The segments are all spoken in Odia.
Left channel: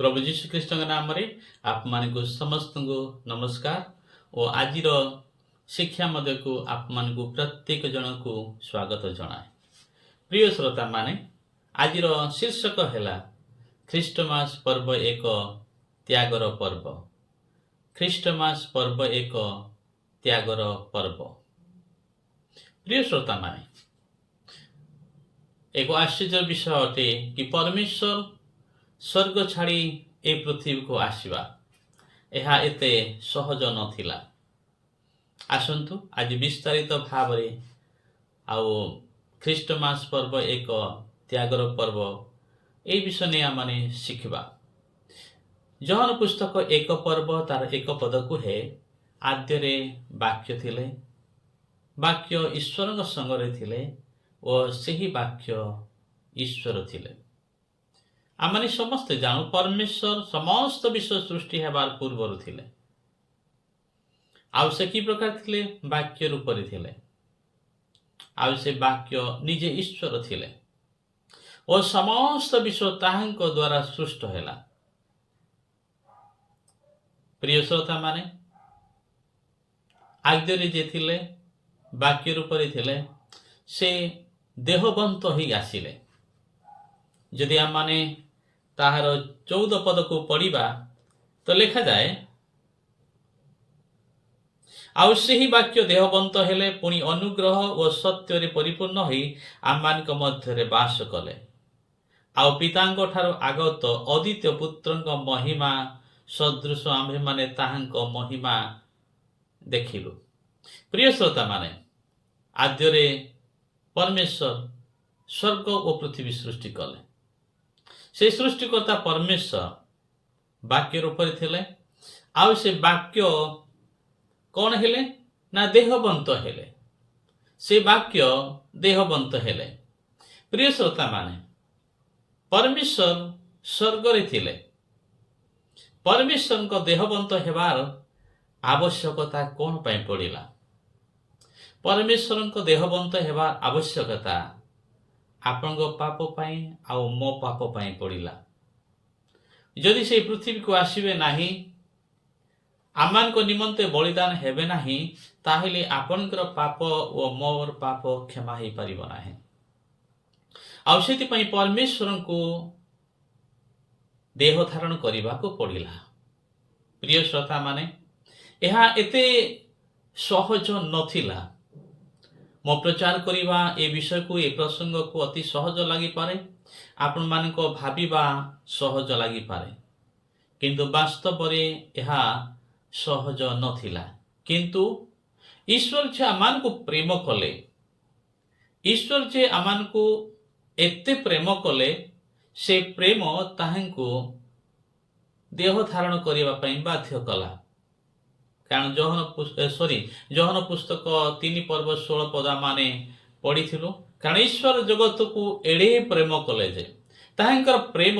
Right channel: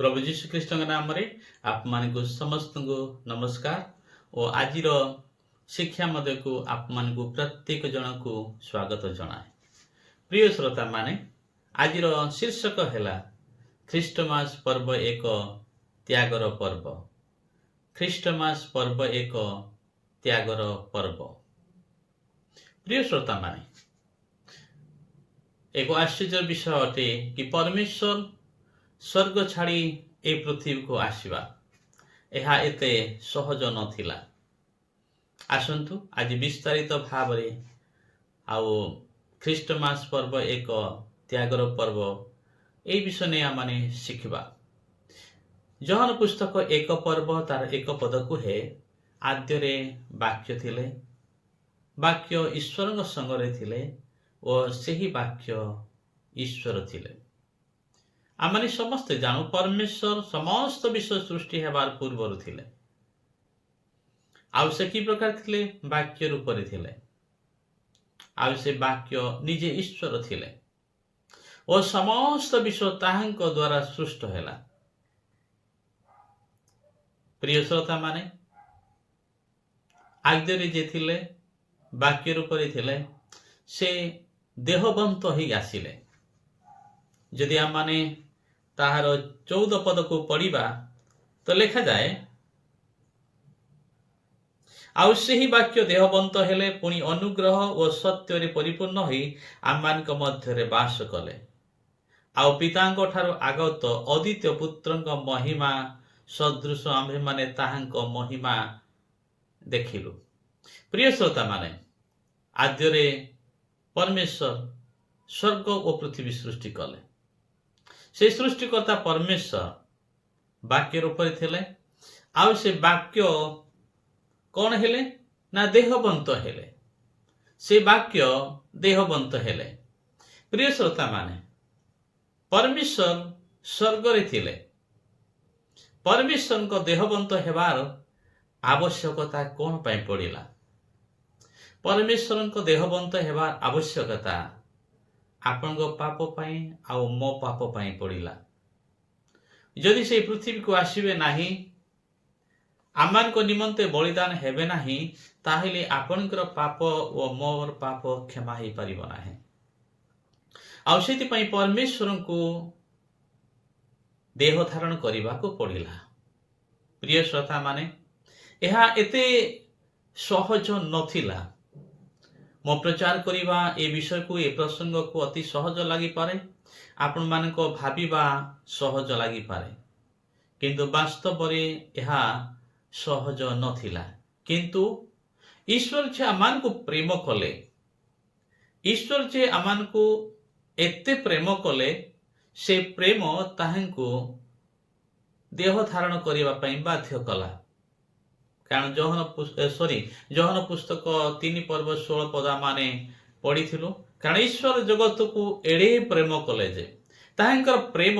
प्रभु जीशु ख्रीष्ट नाम आप मान को समस्त को नमस्कार और आज शिक्षा मध्य को आप मान को प्रत्येक जन को स्वागत जनाए। प्रिय श्रोता माने आज शीर्षक है ख्रीष्टमास पर्व एक त्यागर पर्व। ख्रीष्टमास पर्व एक त्यागर पर्व। प्रिय श्रोता माने एक आश्चर्य विषय अटे कि परमेश्वर स्वर्ग छाड़ी ए पृथ्वी को आसवा यह एते सहज नथिला। आसंतु आज विस्तारित भाव आउ ख्रीष्टमास पर्व एक त्यागर पर्व ए विषय नहीं आम शिखा। जहन पुस्तक एक पर्व तार एक पद को है आद्यरे वाक्य थिले, वाक्य ईश्वर संगरे थिले और सही वाक्य ईश्वर थिले। आमने समस्ते जानू परमेश्वर समस्त विश्व सृष्टि हेबार पूर्वर थिले। आउ से की प्रकार थिले वाक्य रूप थिले। आउ से वाक्य निजे ईश्वर थिले और समस्त विश्व ताहांक द्वारा सृष्ट हैला। प्रिय श्रोता माने आद्यरे जे थिले वाक्य रूप थिले से देहबंत ही आसिले। जदि आम माने ताहार 14 पद को पढ़ा तो लिखा जाए आउ सही वाक्य देहबंत हेले पुणी अनुग्रह और सत्य परिपूर्ण होई आम मानक मध्य बास कले। आउ पितांक ठारू आगत अद्वितीय पुत्रंक महिमा सदृश आम्भे माने ताहांक महिमा देखिलु। प्रिय श्रोता माने आद्यरे परमेश्वर स्वर्ग और पृथ्वी सृष्टि कले। से सृष्टिकर्ता परमेश्वर वाक्य रूप थे। आउ से वाक्य कौन हेले ना देहबंत हेले। से वाक्य देहबंत हेले। प्रिय श्रोता माने परमेश्वर स्वर्ग रे थिले। परमेश्वर को देहबंत हेबार आवश्यकता कौन पाई पड़िला? परमेश्वर को देहबंत हेबार आवश्यकता आपण पाप पाई आउ मो पाप पाई पड़िला। जदि से पृथ्वी को आसीबे नाही आमान को निमंते बलिदान हेबे नाही ताहले आपणकर पाप और मोर पाप क्षमा ही परिबो नाही। आउ सेति पई परमेश्वर को देह धारण करबा को पड़िला। प्रिय श्रोता माने यह एते सहज नथिला। मो प्रचार करिबा ए विषय को ए प्रसंग को अति सहज लगी पारे, आपण मानको भाबिबा सहज लगी पारे, किंतु वास्तव रे यह सहज नथिला। किंतु ईश्वर जे आमान को प्रेम कले, ईश्वर जे आमान को एते प्रेम कले से प्रेम ताहांको देह धारण करिबा पई बाध्य कला। कारण जहन पुस्तक 3 पर्व 16 पद माने पढ़ी। कारण ईश्वर जगत को एड़े प्रेम कले जे ताहांकर प्रेम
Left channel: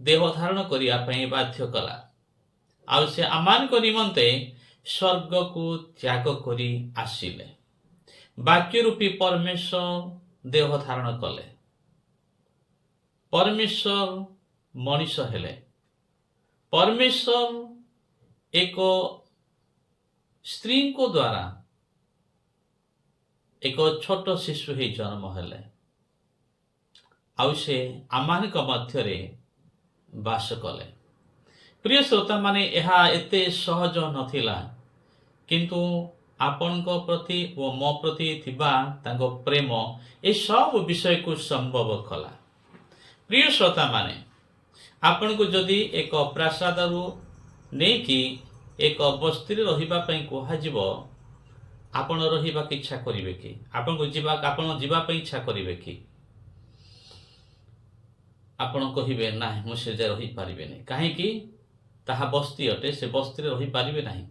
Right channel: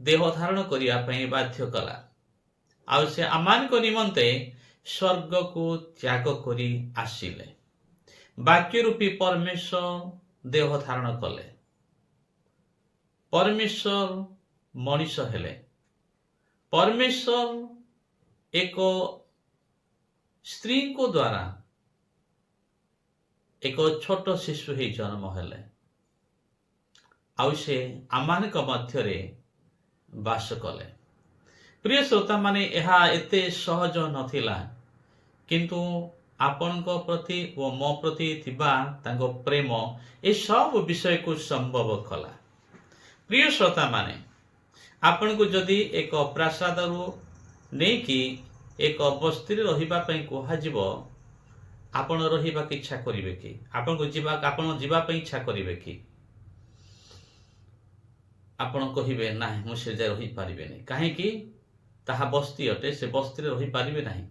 देह धारण करिया पई बाध्य कला। आउ से आमान को निमंते स्वर्ग को त्याग करी आसिले। वाक्य रूपी परमेश्वर देह धारण कले। परमेश्वर मनुष्य हेले। परमेश्वर एक स्त्री को द्वारा एक छोट शिशु ही जन्म हेले। आउ से आमान मध्य बास कले। प्रिय श्रोता माने यह एते सहज नथिला, किंतु आपण को प्रति व मो प्रति थिबा तांको प्रेम ए सब विषय को संभव कला। प्रिय श्रोता माने आपण को जदि एक प्रासाद नहीं कि एक बस्ती रहिबा पई कोहा जीव आपण रहिबा की इच्छा करिवे कि? आपण को जीवा पई इच्छा करिवे कि? आपण कहिबे ना मु से जे रहि पारिबे नै। काहे कि ताहा बस्ती अटे, से बस्ती रे रहि पारिबे नाही।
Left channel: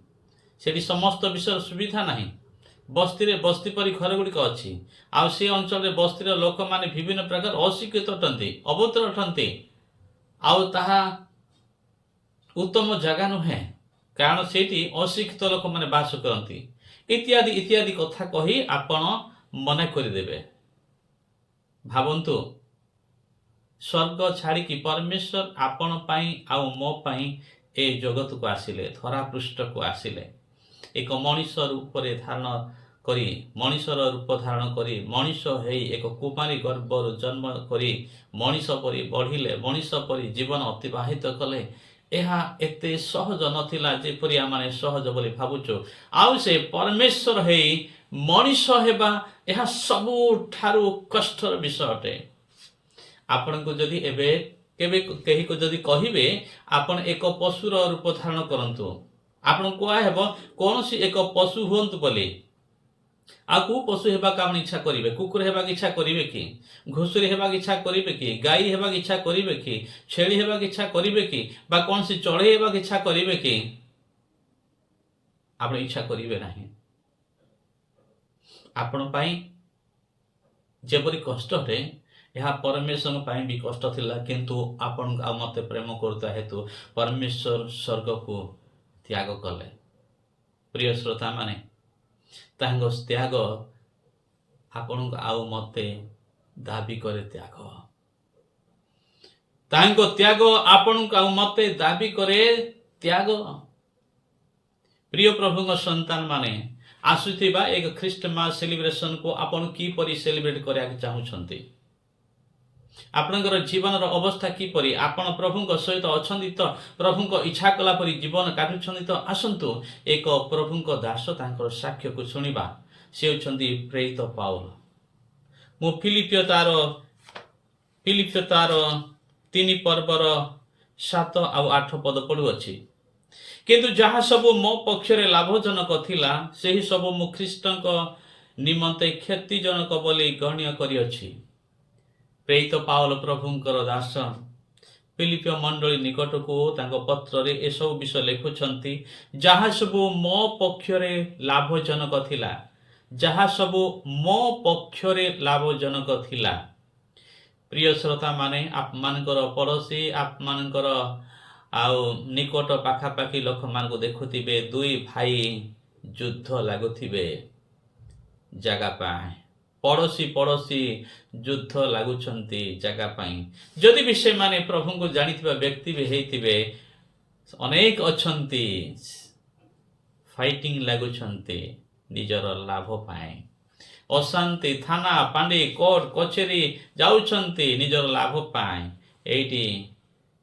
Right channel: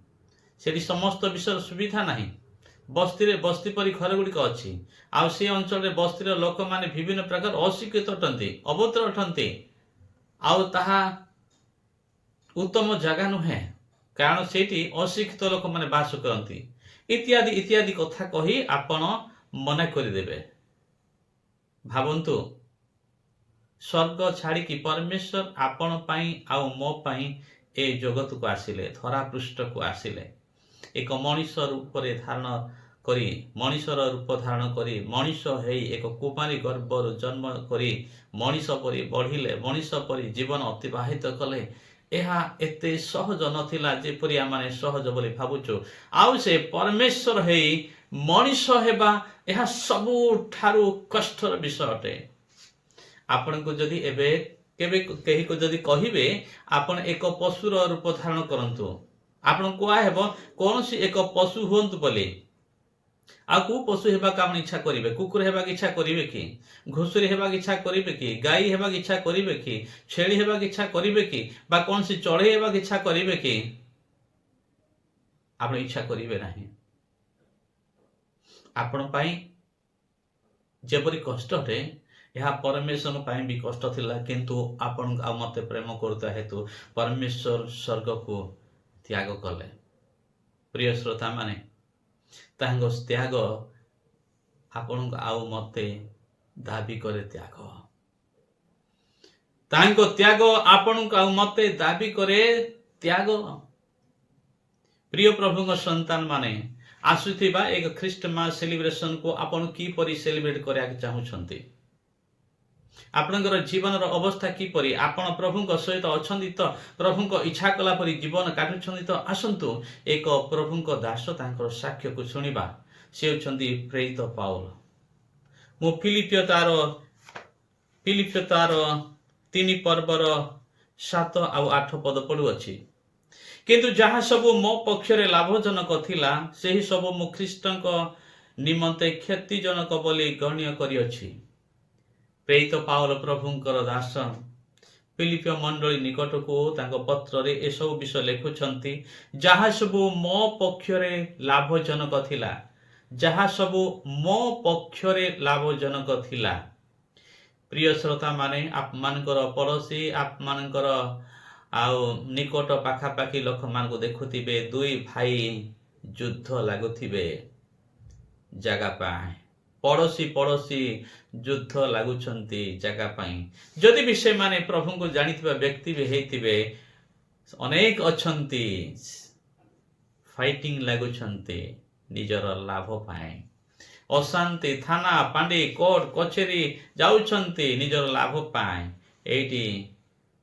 सेठी समस्त विषय सुविधा नाही। बस्ती परि घर गुड़िक अच्छी। आ से अंचल रे बस्ती रे लोक माने विभिन्न प्रकार अशिक्षित अटंती, अभद्र अटंती। आउ ताहा उत्तम जगह नुहे, कारण सेठी अशिक्षित लोक माने बास करती इत्यादि इत्यादि कथा कही आपण मना करदेवे। भावंतु स्वर्ग छाड़ी परमेश्वर आपण पाई आउ मो पाई ए जगत को आसिले, धरा पृष्ठ को आसिले। एक मनीष रूप धारण करी, मनीषर रूप धारण करी मनीष हेई एक कुमारी गर्भर जन्म करी मनीष परी बढ़िले, मनीष परी जीवन अतिबाहित कले। ଏହା ଏତେ ସହଜ ନଥିଲା ଯେପରି ଆମେ ସହଜ ବୋଲି ଭାବୁଛୁ। ଆଉ ସେ ପରମେଶ୍ୱର ହେଇ ମଣିଷ ହେବା ଏହା ସବୁଠାରୁ କଷ୍ଟର ବିଷୟ ଅଟେ। ଆପଣଙ୍କୁ ଯଦି ଏବେ କେବେ କେହି ଯଦି କହିବେ ଆପଣ ଏକ ପଶୁର ରୂପ ଧାରଣ କରନ୍ତୁ, ଆପଣ କୁହାହେବ କୌଣସି ଏକ ପଶୁ ହୁଅନ୍ତୁ ବୋଲି। ଆଉ କେଉଁ ପଶୁ ହେବାକୁ ଆପଣ ଇଚ୍ଛା କରିବେ? କୁକୁର ହେବାକୁ ଇଚ୍ଛା କରିବେ କି? ଘୁଷୁରୀ ହେବାକୁ ଇଚ୍ଛା କରିବେ କି? ଗାଈ ହେବାକୁ ଇଚ୍ଛା କରିବେ କି? ଛେଳି ହେବାକୁ ଇଚ୍ଛା କରିବେ କି? ବା କୌଣସି ଚଢ଼େଇ ହେବାକୁ ଇଚ୍ଛା କରିବେ କି? ଆପଣ ଇଚ୍ଛା କରିବେ ନାହିଁ। ଆପଣ ପାଇଁ ଯେପରି କଷ୍ଟ ଅଟେ ଏହା ପରମେଶ୍ୱର ପାଇଁ ବି କଷ୍ଟ ଥିଲା, କିନ୍ତୁ ଆପଣ ଆଉ ମୋତେ ପ୍ରେମ କରୁଥିବା ହେତୁ ପରମେଶ୍ୱର ସ୍ୱର୍ଗକୁ ତ୍ୟାଗ କଲେ। ପ୍ରିୟ ଶ୍ରୋତା ମାନେ, ତାଙ୍କ ତ୍ୟାଗ ଆପଣଙ୍କୁ ଆଉ ମୋତେ ଦାବି କରେ ତ୍ୟାଗ। ତାଙ୍କ ତ୍ୟାଗ ଆପଣଙ୍କୁ ଆଉ ମୋତେ ଦାବି କରେ ତ୍ୟାଗ। ପ୍ରିୟ ପ୍ରଭୁଙ୍କ ସନ୍ତାନ ମାନେ, ଆସୁଥିବା ଏକ ଖ୍ରୀଷ୍ଟମାସ ସେଲିବ୍ରେସନ କୁ ଆପଣ କିପରି ସେଲିବ୍ରେଟ କରିବାକୁ ଚାହୁଁଛନ୍ତି? ଆପଣଙ୍କର ଜୀବନର ଅବସ୍ଥା କିପରି? ଆପଣ ପ୍ରଭୁଙ୍କ ସହିତ ଅଛନ୍ତି ତ? ପ୍ରଭୁଙ୍କ ଇଚ୍ଛା କଲା ପରି ଜୀବନ କାଟୁଛନ୍ତି ତ? ଆସନ୍ତୁ ଏକ ପ୍ରଭୁଙ୍କ ଦାସ ତାଙ୍କର ସାକ୍ଷ୍ୟକୁ ଶୁଣିବା। ସେ ହେଉଛନ୍ତି ପ୍ରେରିତ ପାଉଲ। ମୁଁ ଫିଲିପିଓ ତାର 3 ପର୍ବର 7 ଆଉ 8 ପଦ ପଢ଼ୁଅଛି। କିନ୍ତୁ ଯାହା ସବୁ ମୋ ପକ୍ଷରେ ଲାଭଜନକ ଥିଲା, ସେହି ସବୁ ମୁଁ ଖ୍ରୀଷ୍ଟଙ୍କ ନିମନ୍ତେ କ୍ଷତିଜନକ ବୋଲି ଗଣ୍ୟ କରିଅଛି। ପ୍ରେରିତ ପାଉଲ ପ୍ରଭୁଙ୍କର ଦାସ ଫିଲିପିଓ ମଣ୍ଡଳୀ ନିକଟକୁ ତାଙ୍କ ପତ୍ରରେ ଏସବୁ ବିଷୟ ଲେଖୁଛନ୍ତି। ଯାହା ସବୁ ମୋ ପକ୍ଷରେ ଲାଭଜନକ ଥିଲା, ଯାହା ସବୁ ମୋ ପକ୍ଷରେ ଲାଭଜନକ ଥିଲା। ପ୍ରିୟ ଶ୍ରୋତା ମାନେ, ଆପଣମାନଙ୍କର ପଡ଼ୋଶୀ, ଆପଣମାନଙ୍କର ଆଉ ନିକଟ ପାଖାପାଖି ଲୋକମାନଙ୍କୁ ଦେଖୁଥିବେ, 2 ଭାଇ ଯୁଦ୍ଧ ଲାଗୁଥିବେ ଜାଗା ପାଇଁ। ପଡ଼ୋଶୀ ଯୁଦ୍ଧ ଲାଗୁଛନ୍ତି ଜାଗା ପାଇଁ। ଯଦି ବି ସେମାନେ ପ୍ରଭୁଙ୍କୁ ଜାଣିଥିବା ବ୍ୟକ୍ତି ବି ହେଇଥିବେ, ଅନେକ ଅଛନ୍ତି ଫାଇଟିଂ ଲାଗୁଛନ୍ତି ନିଜର ଲାଭ ପାଇଁ। ଅଶାନ୍ତି, ଥାନା ପାଣ୍ଡି, କୋର୍ଟ କଚେରୀ ଯାଉଛନ୍ତି ନିଜର ଲାଭ ପାଇଁ। ଏଇଠି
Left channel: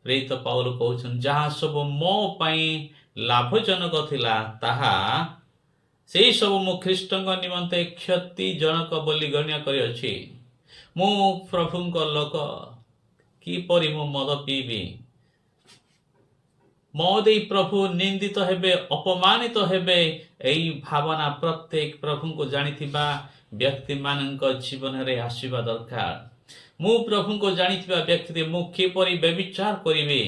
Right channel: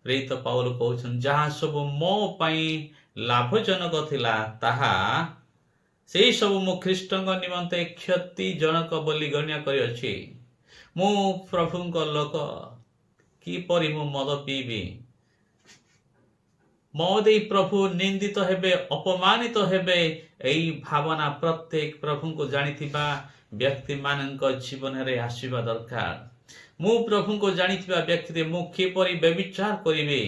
ପ୍ରେରିତ ପାଉଲ କହୁଛନ୍ତି, ଯାହା ସବୁ ମୋ ପାଇଁ ଲାଭଜନକ ଥିଲା, ତାହା ସେହି ସବୁ ମୁଁ ଖ୍ରୀଷ୍ଟଙ୍କ ନିମନ୍ତେ କ୍ଷତିଜନକ ବୋଲି ଗଣ୍ୟ କରିଅଛି। ମୁଁ ପ୍ରଭୁଙ୍କ ଲୋକ, କିପରି ମୁଁ ମଦ ପିଇବି? ମଦ ଦେଇ ପ୍ରଭୁ ନିନ୍ଦିତ ହେବେ, ଅପମାନିତ ହେବେ, ଏହି ଭାବନା ପ୍ରତ୍ୟେକ ପ୍ରଭୁଙ୍କୁ ଜାଣିଥିବା ବ୍ୟକ୍ତିମାନଙ୍କ ଜୀବନରେ ଆସିବା ଦରକାର। ମୁଁ ପ୍ରଭୁଙ୍କୁ ଜାଣିଥିବା ବ୍ୟକ୍ତି, ମୁଁ କିପରି ବ୍ୟଭିଚାର କରିବି?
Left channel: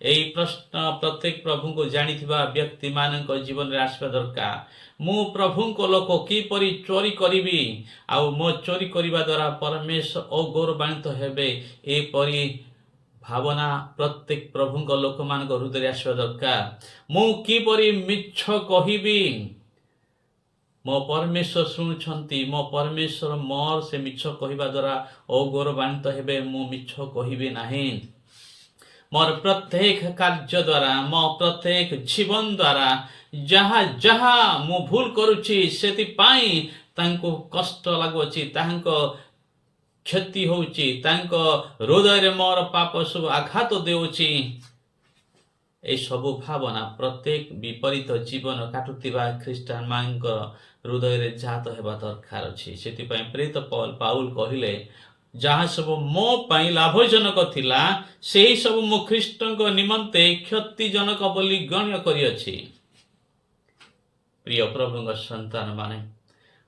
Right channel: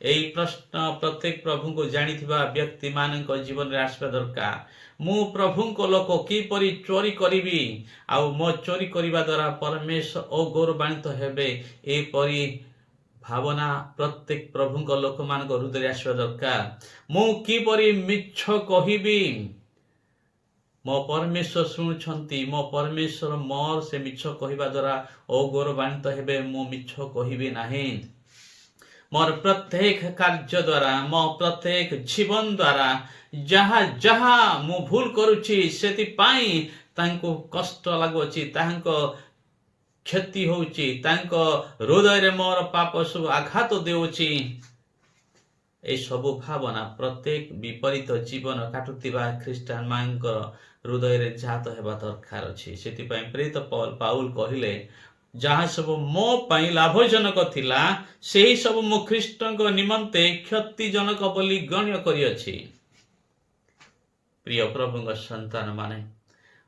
ଏହି ପ୍ରଶ୍ନ ପ୍ରତ୍ୟେକ ପ୍ରଭୁଙ୍କୁ ଜାଣିଥିବା ବ୍ୟକ୍ତିମାନଙ୍କ ଜୀବନରେ ଆସିବା ଦରକାର। ମୁଁ ପ୍ରଭୁଙ୍କ ଲୋକ, କିପରି ଚୋରି କରିବି? ଆଉ ମୋ ଚୋରି କରିବା ଦ୍ୱାରା ପରମେଶ୍ୱର ଅଗୌରବାନ୍ୱିତ ହେବେ। ଏପରି ଭାବନା ପ୍ରତ୍ୟେକ ପ୍ରଭୁଙ୍କ ଲୋକମାନଙ୍କ ହୃଦୟରେ ଆସିବା ଦରକାର। ମୁଁ କିପରି ମିଛ କହିବି? ମୋ ପରମେଶ୍ୱର ଶୁଣୁଛନ୍ତି। ମୋ ପରମେଶ୍ୱର ମୋର ସେ ମିଛ କହିବା ଦ୍ୱାରା ଅଗୌରବାନ୍ୱିତ ହେବେ। ମୁଁ ମିଛ କହିବି ନାହିଁ। ମୋର ପ୍ରତ୍ୟେକ କାର୍ଯ୍ୟ ଦ୍ୱାରା, ମୋ ପ୍ରତ୍ୟେକ ଜୀବନ ଦ୍ୱାରା ଯାହା ଯାହା ମୁଁ ଭୁଲ କରୁଛି, ସେଥିପାଇଁ ତାଙ୍କୁ କଷ୍ଟ ଲାଗୁଅଛି, ତାଙ୍କ କ୍ଷତି ହେଉଛି, ତାଙ୍କ ହୃଦୟରେ ମୋର ପାପ ସବୁ ଆଘାତ ଦେଉଛି। ଏସବୁ ଭାବନା ପ୍ରତ୍ୟେକ ବିପରୀତ ଜୀବନ କାଟୁଥିବା ଖ୍ରୀଷ୍ଟିଆନ ମାନଙ୍କ ହୃଦୟରେ ଜାତ ହେବା ଦରକାର ଅଛି। ସେଥିପାଇଁ ପ୍ରେରିତ ପାଉଲ କହିଲେ, ଯାହା ସବୁ ମୋ ପାଇଁ ଲାଭଜନକ ଥିଲା, ସେହି ସବୁ ମୁଁ ଖ୍ରୀଷ୍ଟଙ୍କ ନିମନ୍ତେ କ୍ଷତିଜନକ ବୋଲି ଗଣ୍ୟ କରିଅଛି। ପ୍ରିୟ ପ୍ରଭୁଙ୍କ ସନ୍ତାନ ମାନେ,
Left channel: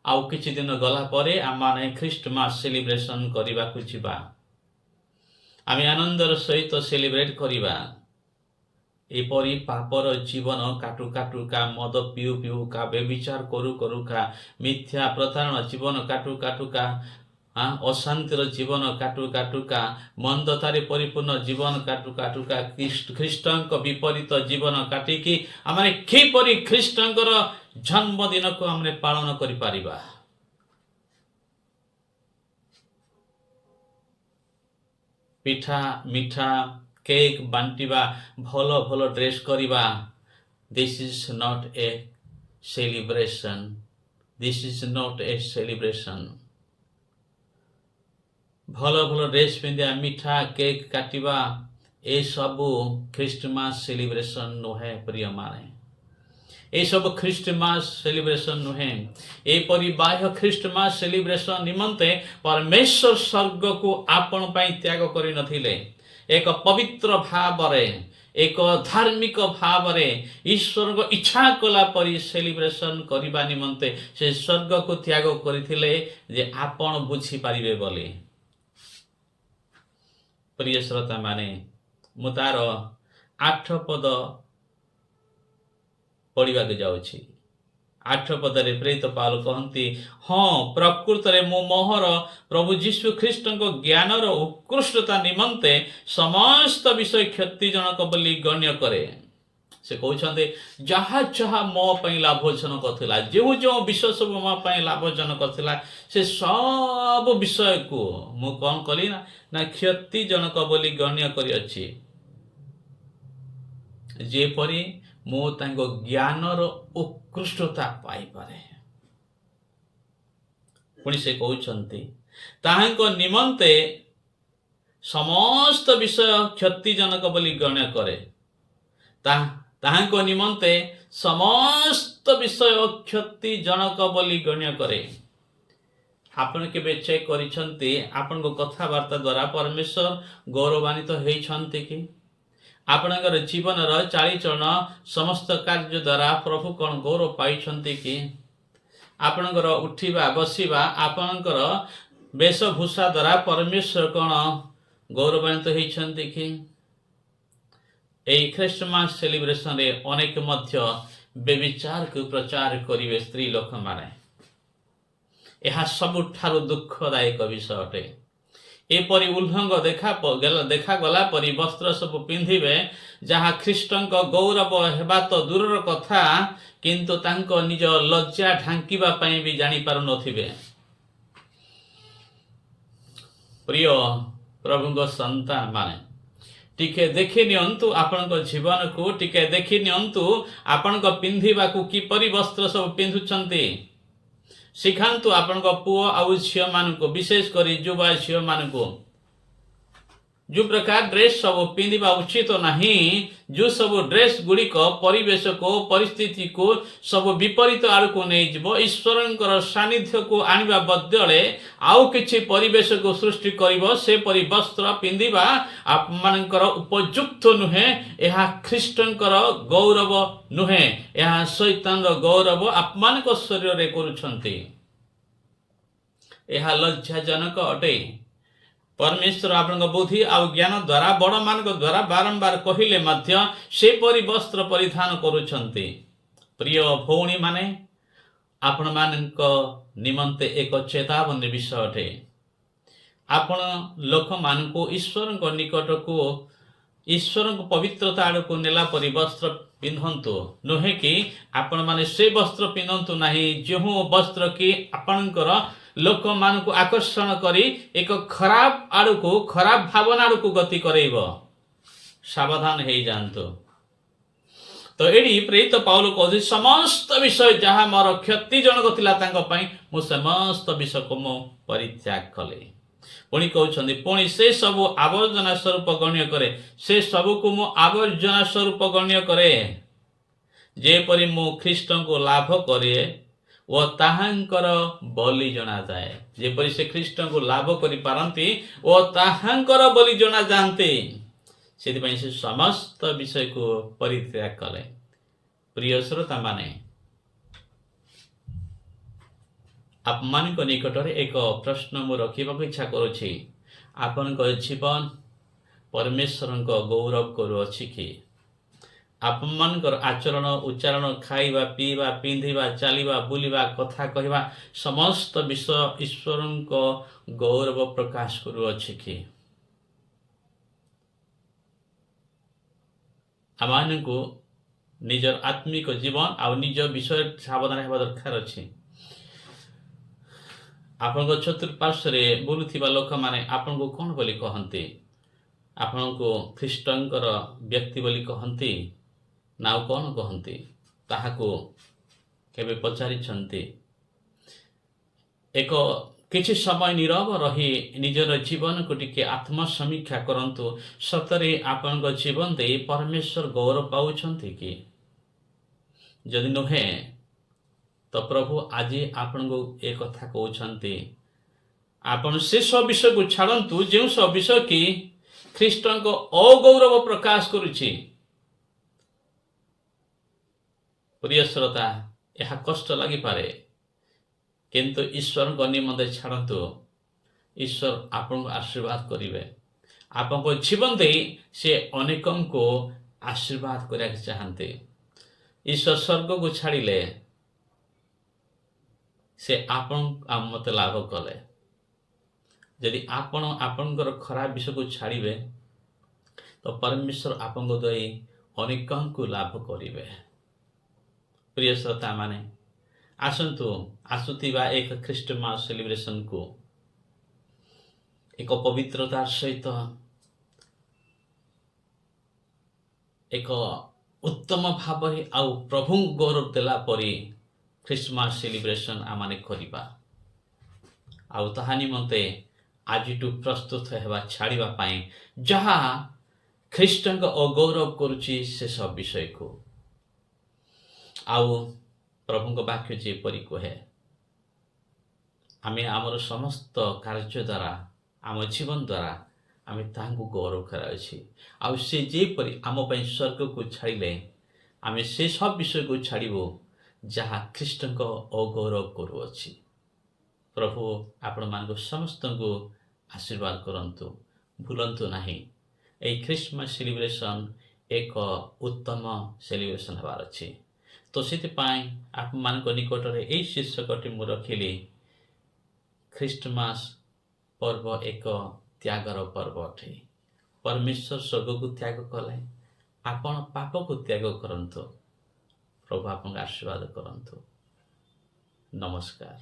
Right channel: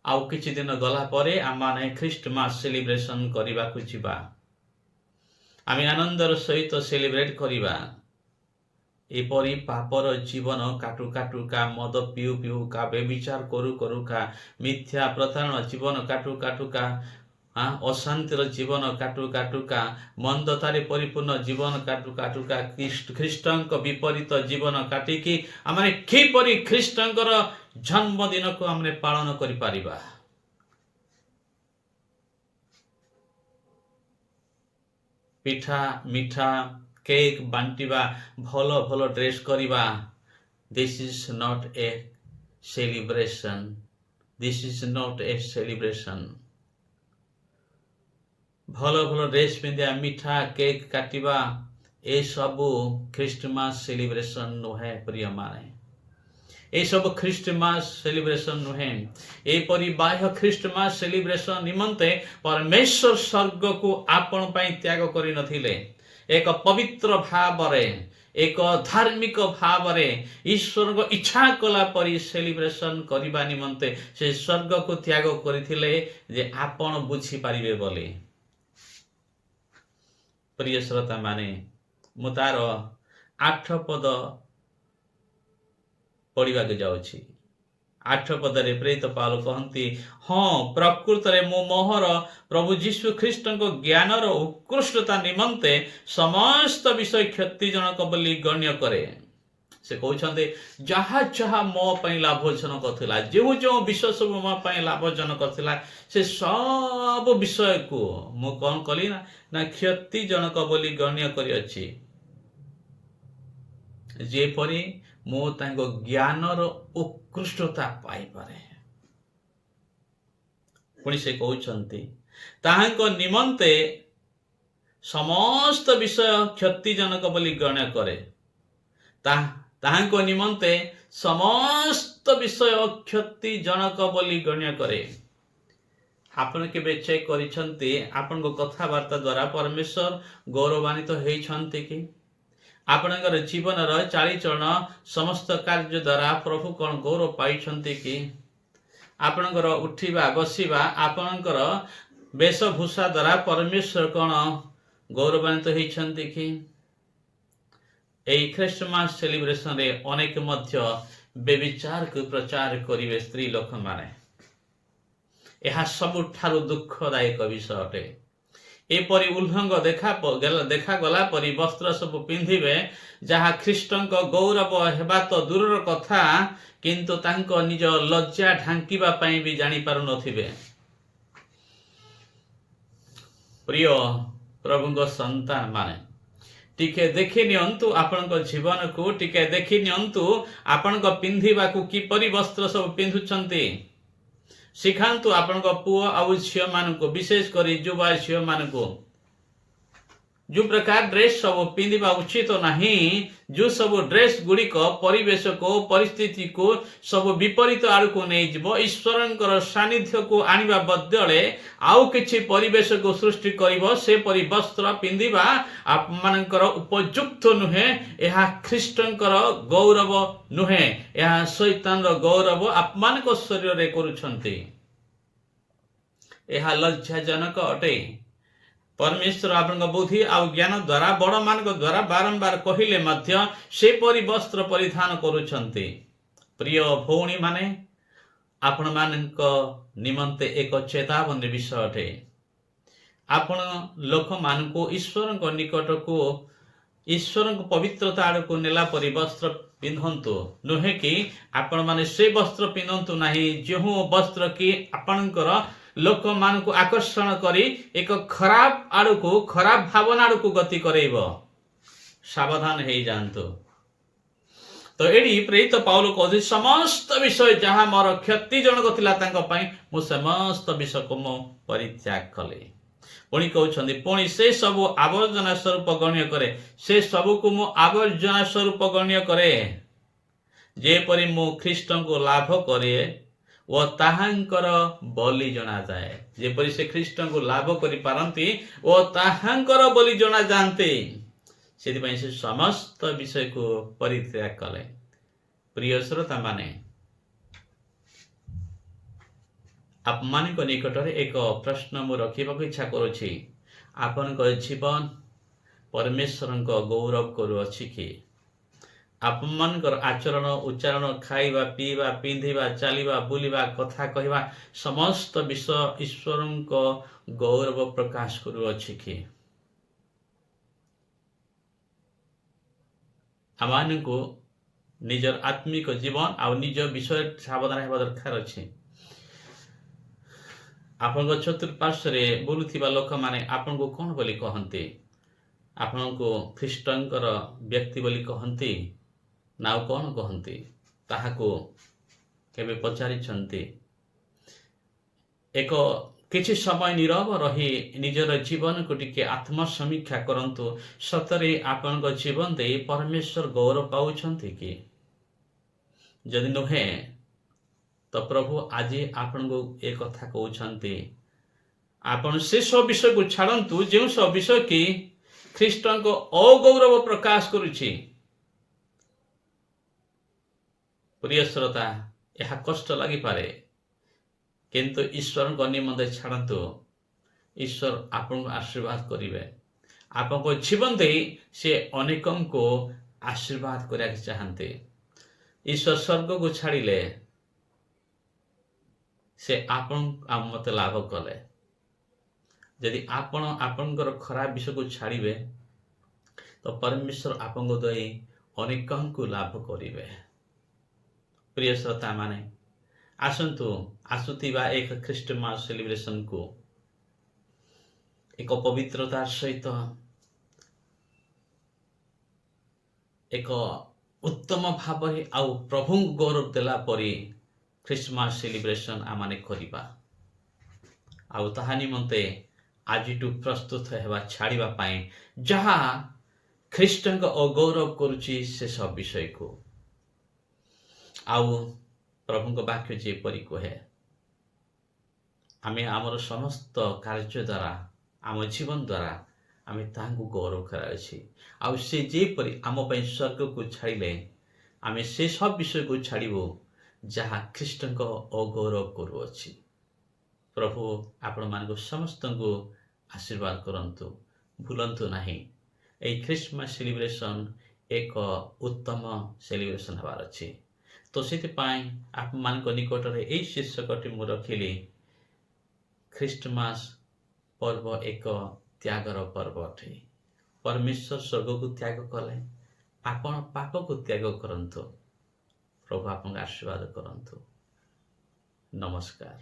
ଆଉ କିଛି ଦିନ ଗଲା ପରେ ଆମେ ଖ୍ରୀଷ୍ଟମାସ ସେଲିବ୍ରେସନ କରିବାକୁ ଯିବା। ଆମେ ଆନନ୍ଦର ସହିତ ସେଲିବ୍ରେଟ କରିବା। ଏପରି ପାପର ଜୀବନ କାଟୁ କାଟୁକା, ମଦ ପିଉ ପିଉକା, ବ୍ୟଭିଚାର କରୁ କରୁକା, ମିଥ୍ୟା ପ୍ରତାରଣା ଜୀବନ କାଟୁ କାଟୁକା, ଅଶାନ୍ତିର ଜୀବନ କାଟୁ କାଟୁକା, ମନ୍ଦତାରେ ପରିପୂର୍ଣ୍ଣ ଜୀବନ କାଟୁ କାଟୁକା, ଖ୍ରୀଷ୍ଟଙ୍କ ବିପରୀତ ଜୀବନ କାଟିକି ଆମେ କିପରି ଖ୍ରୀଷ୍ଟଙ୍କର ଜନ୍ମଦିନକୁ ଆମେ ପାଳନ କରିପାରିବା? ପିଠା ମିଠା କେକ୍ ବାଣ୍ଟିବା, ଭଲ ଭଲ ଡ୍ରେସ୍ କରିବା, this is not a celebration. This is not a celebration. ଭଲ ଭଲ ଡ୍ରେସ୍ ପିନ୍ଧିବା, ମିଠା କେକ୍ କାଟିବା, ଏସବୁ ଖ୍ରୀଷ୍ଟମାସ ସେଲିବ୍ରେସନ୍ ନୁହେଁ ପ୍ରିୟମାନେ। ଏସବୁ ଖ୍ରୀଷ୍ଟମାସ ସେଲିବ୍ରେସନ୍ ନୁହେଁ। ଏପରି ବାହ୍ୟ ଖ୍ରୀଷ୍ଟମାସ ସେଲିବ୍ରେସନ୍ ନିମନ୍ତେ ପରମେଶ୍ୱର ସ୍ୱର୍ଗକୁ ଆପଣ ପାଇଁ ତ୍ୟାଗ କରିନଥିଲେ। ଏକ ପବିତ୍ର ଭାବରେ, ଏକ ଧାର୍ମିକ ଭାବରେ ଈଶ୍ୱରଙ୍କ ଇଚ୍ଛା କଲା ପରି ସେଲିବ୍ରେସନ୍ କରିବା ନିମନ୍ତେ ସେ ସ୍ୱର୍ଗକୁ ତ୍ୟାଗ କରିଥିଲେ ଯେ ଆପଣ ବୁଝିପାରିବେ ବୋଲି। ପ୍ରିୟ ଶ୍ରୋତାମାନେ, ମୁଁ ତାର 8 ପଦ ପଢ଼ିବାକୁ ଯାଉଛି। 8 ପଦରେ ପ୍ରେରିତ ପାଉଲ କହନ୍ତି, ହଁ ପ୍ରକୃତରେ ମୁଁ ମୋହର ପ୍ରଭୁ ଯୀଶୁ ଖ୍ରୀଷ୍ଟଙ୍କ ଜ୍ଞାନର ଉତ୍କୃଷ୍ଟତା ନିମନ୍ତେ ସମସ୍ତ ବିଷୟ କ୍ଷତିଜନକ ବୋଲି ଗଣ୍ୟ କରେ। ସେ କହୁଛନ୍ତି, ଯାହା ଯାହା ମୋ ପାଇଁ ଲାଭଜନକ ଥିଲା, ଯେଉଁ ଯେଉଁ ବିଷୟ ସବୁ ମୋ ପାଇଁ ଲାଭଜନକ ଥିଲା, ସେ ସବୁ ବିଷୟକୁ ମୁଁ କ'ଣ କଲି ନା କ୍ଷତିଜନକ ବୋଲି ଗଣ୍ୟ କରିଅଛି, ଯେପରି ମୁଁ ତାଙ୍କ ଜ୍ଞାନର ଉତ୍କୃଷ୍ଟତା ପାଇପାରେ। ପୁଣି ସେ କହୁଛନ୍ତି, ତାହାଙ୍କ ନିମନ୍ତେ ସମସ୍ତ ବିଷୟ କ୍ଷତିଜନକ ବୋଲି ଗଣ୍ୟ କରେ। ତାହାଙ୍କ ନିମନ୍ତେ ସମସ୍ତ ବିଷୟ କ୍ଷତିଜନକ ବୋଲି ଗଣ୍ୟ କରେ। ଆପଣ କେବେ ଚେକ୍ କରିଛନ୍ତି, ଆପଣଙ୍କ କଥାବାର୍ତ୍ତା ଦ୍ୱାରା ପରମେଶ୍ୱର ଗୌରବାନ୍ୱିତ ହେଇଛନ୍ତି କି? ଆପଣଙ୍କର ଜୀବନର ଚାଳିଚଳନ ସମସ୍ତ କାର୍ଯ୍ୟ ଦ୍ୱାରା ପ୍ରଭୁ କ'ଣ ଗୌରବ ପାଇଛନ୍ତି କି? ଆପଣଙ୍କର ଉଠିବା ବସିବା, ଆପଣଙ୍କର ବେଶଭୂଷା ଦ୍ୱାରା ପରମେଶ୍ୱର କ'ଣ ଗୌରବାନ୍ୱିତ ହେଇଛନ୍ତି କି? ଏହି ଖ୍ରୀଷ୍ଟମାସ ସେଲିବ୍ରେସନରେ ଅନେକ ମଧ୍ୟ ବ୍ୟଭିଚାରକୁ ପ୍ରଚାର କରିବେ ସ୍ତ୍ରୀ ଲୋକମାନେ। ଏହା ସବୁଠାରୁ ଦୁଃଖଦାୟକ ବିଷୟ ଅଟେ। ଏପରି ଉଲ୍ଲଙ୍ଘ ଦେଖାଗଲା ପରି ବସ୍ତ୍ର ସବୁ ପିନ୍ଧିବେ, ଯାହା ଖ୍ରୀଷ୍ଟଙ୍କ ଗୌରବ ହେବା ତ ଦୂରର କଥା, କିନ୍ତୁ ତାଙ୍କ ନିଜ ଲଜ୍ଜା ଢାଙ୍କିବା ପାଇଁ ବି ଜାଣିପାରୁନଥିବେ। ପ୍ରିୟ ପ୍ରଭୁଙ୍କ ସନ୍ତାନ ମାନେ, ଟିକେ ଦେଖି ନିଅନ୍ତୁ ଆପଣଙ୍କ ଜୀବନକୁ, ଟିକେ ଦେଖି ନିଅନ୍ତୁ ଆପଣଙ୍କ ପିନ୍ଧିବାକୁ କିପରି ବସ୍ତ୍ର ସବୁ ପିନ୍ଧୁଛନ୍ତି। ଶିଖାନ୍ତୁ ଆପଣଙ୍କ ପୁଅ ଆଉ ଝିଅମାନଙ୍କୁ, ବିଶେଷ କରି ଯୁବା ଝିଅମାନଙ୍କୁ, ଯେଉଁ ପ୍ରକାର ଡ୍ରେସ୍ ସବୁ ପିନ୍ଧିବା ଉଚିତ ନାହିଁ, ଯେଉଁ ସବୁ ଡ୍ରେସ୍ ଗୁଡ଼ିକ ପରିବେଶକୁ ପରିସ୍ଥିତିକୁ ସବୁ ବିପରୀତ ଆଡ଼କୁ ନେଇଯିବ, ଈଶ୍ୱରଙ୍କର ସାନ୍ନିଧ୍ୟକୁ ଆଣିବା ବଦଳରେ ଆଉ କିଛି ପରିବେଶକୁ ସୃଷ୍ଟି କରିବ, ସେପରି ବସ୍ତ୍ର ପିନ୍ଧିବା ଆପଣମାନଙ୍କର ଉପଯୁକ୍ତ ନୁହେଁ। ଏହା ଖ୍ରୀଷ୍ଟଙ୍କର ଗୌରବ ନୁହେଁ, ଏହା ଶୈତାନର ଗୌରବ ଆପଣମାନଙ୍କ ଶରୀରରେ କରୁଛନ୍ତି। ଏହା ଲଜ୍ଜାଜନକ ଅଟେ। ପରମେଶ୍ୱର ଆପଣଙ୍କ ବୁଦ୍ଧି ଆଉ ଜ୍ଞାନ ଦ୍ୱାରା, ବଡ଼ମାନଙ୍କ ଦ୍ୱାରା ବାରମ୍ବାର କହିଲେ ମଧ୍ୟ ସେପରି ବସ୍ତ୍ର ପରିଧାନ କରୁଛନ୍ତି। ପ୍ରିୟ ଭଉଣୀମାନେ, ଆପଣମାନଙ୍କ ନିମନ୍ତେ ଏକ ଚେତାବନୀ ବିଷୟ ଅଟେ। ଆପଣ ଲୋକମାନଙ୍କୁ ଈଶ୍ୱରଙ୍କ ନିକଟକୁ, ଈଶ୍ୱରଙ୍କ ପବିତ୍ରତା ଆଡ଼କୁ ନେଲା ପରି ବସ୍ତ୍ର ପିନ୍ଧନ୍ତୁ, ନୁହେଁ କି ଆପଣମାନେ ସେ ବସ୍ତ୍ର ପିନ୍ଧନ୍ତୁ ନାହିଁ ଯେଉଁ ବସ୍ତ୍ର କି ଆପଣଙ୍କର ଲୋକମାନଙ୍କୁ ଆକର୍ଷଣ କରି ଏକ ଖରାପ ଆଡ଼କୁ, ଖରାପ ଭାବନା ଆଡ଼କୁ ଗତି କରେଇବ। ସାବଧାନ ହେଇଯାଆନ୍ତୁ। ତ ଏଠି ପ୍ରେରିତ ପାଉଲ କହୁଛି, ସମସ୍ତ ବିଷୟ ଯାହା ମୋର କ୍ଷତିଜନକ ଥିଲା ତାଙ୍କ ପାଇଁ, ମୁଁ ସମସ୍ତ ବିଷୟକୁ ମୁଁ ପରିତ୍ୟାଗ କଲି। ପୁଣି କହୁଛନ୍ତି, ପୁଣି ସେ ସବୁ ଆବର୍ଜନା ସ୍ୱରୂପ ଗଣ୍ୟ କରେ। ସେ ସବୁକୁ ମୁଁ ଆବର୍ଜନା ସ୍ୱରୂପ ଗଣ୍ୟ କରେ, ଯେପରି ମୁଁ ଖ୍ରୀଷ୍ଟଙ୍କୁ ଲାଭ କରେ ଓ ତାହାଙ୍କର ବଳି ଜଣାଯାଏ। ଯେପରି ସେ ଖ୍ରୀଷ୍ଟଙ୍କୁ ଲାଭ କରିପାରନ୍ତି ଓ ତାହାଙ୍କର ବଳି ଜଣାଯାଆନ୍ତି, ସେଥିପାଇଁ ସେ ସମସ୍ତ ବିଷୟକୁ ପରିତ୍ୟାଗ କଲେ। ପ୍ରିୟ ଶ୍ରୋତାମାନେ, ଆପଣମାନଙ୍କ ନିକଟରେ ଏକ ପ୍ରଶ୍ନ ମୁଁ ରଖିବାକୁ ଇଚ୍ଛା କରୁଛି। ଆପଣଙ୍କ ଜୀବନ ପରମେଶ୍ୱରଙ୍କ ଗୌରବ କରୁଅଛି କି? ଆପଣମାନଙ୍କର ଆଚରଣ, ଉଚ୍ଚାରଣ, ଖାଇବା, ପିଇବା, ପିନ୍ଧିବା, ଚାଲିବା, ବୁଲିବା, କଥା କହିବା, ସମସ୍ତ ବିଷୟ ଈଶ୍ୱରଙ୍କ ଗୌରବ ପ୍ରକାଶ କରୁଅଛି କି? ଆମମାନଙ୍କୁ ନିଜର ଆତ୍ମିକ ଜୀବନ ଆଉ ନିଜ ବିଷୟରେ ସାବଧାନ ହେବା ଦରକାର ଅଛି। ଆପଣଙ୍କ ଚତୁଃପାର୍ଶ୍ୱରେ ବୁଲୁଥିବା ଲୋକମାନେ ଆପଣଙ୍କୁ କ'ଣ ବୋଲି କହନ୍ତି? ଆପଣଙ୍କୁ ଖ୍ରୀଷ୍ଟଙ୍କର ବ୍ୟକ୍ତି ବୋଲି କହନ୍ତି ନା ଆଉ କ'ଣ କହନ୍ତି ତାହାକୁ କେବେ ପଚାରିଛନ୍ତି? ଏକ କିଛି ସମୟ ନୀରବ ରହି ନିଜର ଜୀବନକୁ ଟିକେ ଆତ୍ମସମୀକ୍ଷା କରନ୍ତୁ। ସତରେ ଆପଣଙ୍କ ଜୀବନ ଦେଇ ପରମେଶ୍ୱର ଗୌରବ ପାଉଛନ୍ତି କି? ଯଦି ନୁହେଁ ତ ପ୍ରଭୁ ଆଜି ଆପଣଙ୍କୁ ଏ କଥା କହୁଛନ୍ତି, ଆପଣ ସେସବୁ ବିଷୟକୁ ଛାଡ଼ନ୍ତୁ ଯେଉଁସବୁ ବିଷୟ କି ଖ୍ରୀଷ୍ଟଙ୍କ ଅଗୌରବ ପ୍ରକାଶ କରୁଛି। ପ୍ରିୟ ଶ୍ରୋତା, ଏହା କଷ୍ଟ ଲାଗିପାରେ, କିନ୍ତୁ ଈଶ୍ୱରଙ୍କ ନିମନ୍ତେ ଛାଡ଼ନ୍ତୁ। ଈଶ୍ୱର ଆପଣଙ୍କୁ ଆଶୀର୍ବାଦ କରିବେ। ଆପଣଙ୍କ ଜୀବନ ଦେଇ ସେ ଅନେକଙ୍କୁ ଆଶୀର୍ବାଦ କରିବାକୁ ଚାହାନ୍ତି। ଈଶ୍ୱର ସ୍ୱର୍ଗକୁ ଛାଡ଼ିଲେ ସେ ଆପଣ ମୋତେ ଲାଭ କଲେ। ଯଦି ଆପଣ ଆପଣଙ୍କର ଖରାପ ବିଷୟକୁ ଛାଡ଼ିବେ ତ ପରମେଶ୍ୱର ଆପଣଙ୍କ ଦେଇ ଅନେକଙ୍କୁ ଲାଭ କରିବେ। ପ୍ରିୟ ଶ୍ରୋତାମାନେ, ଆସନ୍ତୁ ଆସୁଥିବା ଏକ ଖ୍ରୀଷ୍ଟମାସ ସେଲିବ୍ରେସନକୁ ଏକ ପବିତ୍ରତାର ସହିତ ଏକ ଉତ୍ତମ ଭାବରେ ଆଉ ପ୍ରଭୁଙ୍କୁ ଗୌରବ ଦେଲା ପରି ଖ୍ରୀଷ୍ଟମାସ ସେଲିବ୍ରେସନ ଆମମାନେ କରିବା। ଆଉ ତାହା ନିମନ୍ତେ ଆଜିଠୁ ପ୍ରସ୍ତୁତ ହେବା ଛାଡ଼ିବା ପାଇଁ ଯାହା ଖ୍ରୀଷ୍ଟଙ୍କ ଅଗୌରବ କରୁଛି ସେସବୁ ବିଷୟକୁ। ଆଉ ପ୍ରଭୁଙ୍କ ବାକ୍ୟ ଯେପରି କହେ, ଆମେ ଆମର ସମସ୍ତ କାର୍ଯ୍ୟ ଦ୍ୱାରା, ଆମ ଜୀବନ ଦ୍ୱାରା ଆମେ ତାହାଙ୍କୁ ଗୌରବ କରାଉଛି। ଆଉ ସେ ଯେପରି ଆମ ପାଇଁ ସ୍ୱର୍ଗକୁ ଛାଡ଼ିଲେ, ଆମେ ସେସବୁ ବିଷୟକୁ ଛାଡ଼ିବୁ ଯାହା ଖ୍ରୀଷ୍ଟଙ୍କ ଅଗୌରବ କରୁଅଛି। ପ୍ରଭୁ ଆପଣମାନଙ୍କୁ ସମସ୍ତଙ୍କୁ ଆଶୀର୍ବାଦ କରନ୍ତୁ। ଭୁଲନ୍ତୁ ନାହିଁ, ଏହି ଖ୍ରୀଷ୍ଟମାସ ସେଲିବ୍ରେସନ୍ ଏକ ଉତ୍ତମ ସେଲିବ୍ରେସନ୍ ହେବାର ଅଛି। ତ ସେଥିପାଇଁ ଆପଣମାନଙ୍କ ନିକଟରେ ଏହି ଶୀର୍ଷକଟି ମୁଁ ରଖିଲି, ଖ୍ରୀଷ୍ଟମାସ ପର୍ବ ଏକ ତ୍ୟାଗର ପର୍ବ ଅଟେ। ପରମେଶ୍ୱର ସ୍ୱର୍ଗକୁ ତ୍ୟାଗ କଲେ, ଆପଣ ପାପକୁ ତ୍ୟାଗ କରନ୍ତୁ। ପ୍ରଭୁ ଆପଣଙ୍କୁ ଆଶୀର୍ବାଦ କରନ୍ତୁ। ନମସ୍କାର।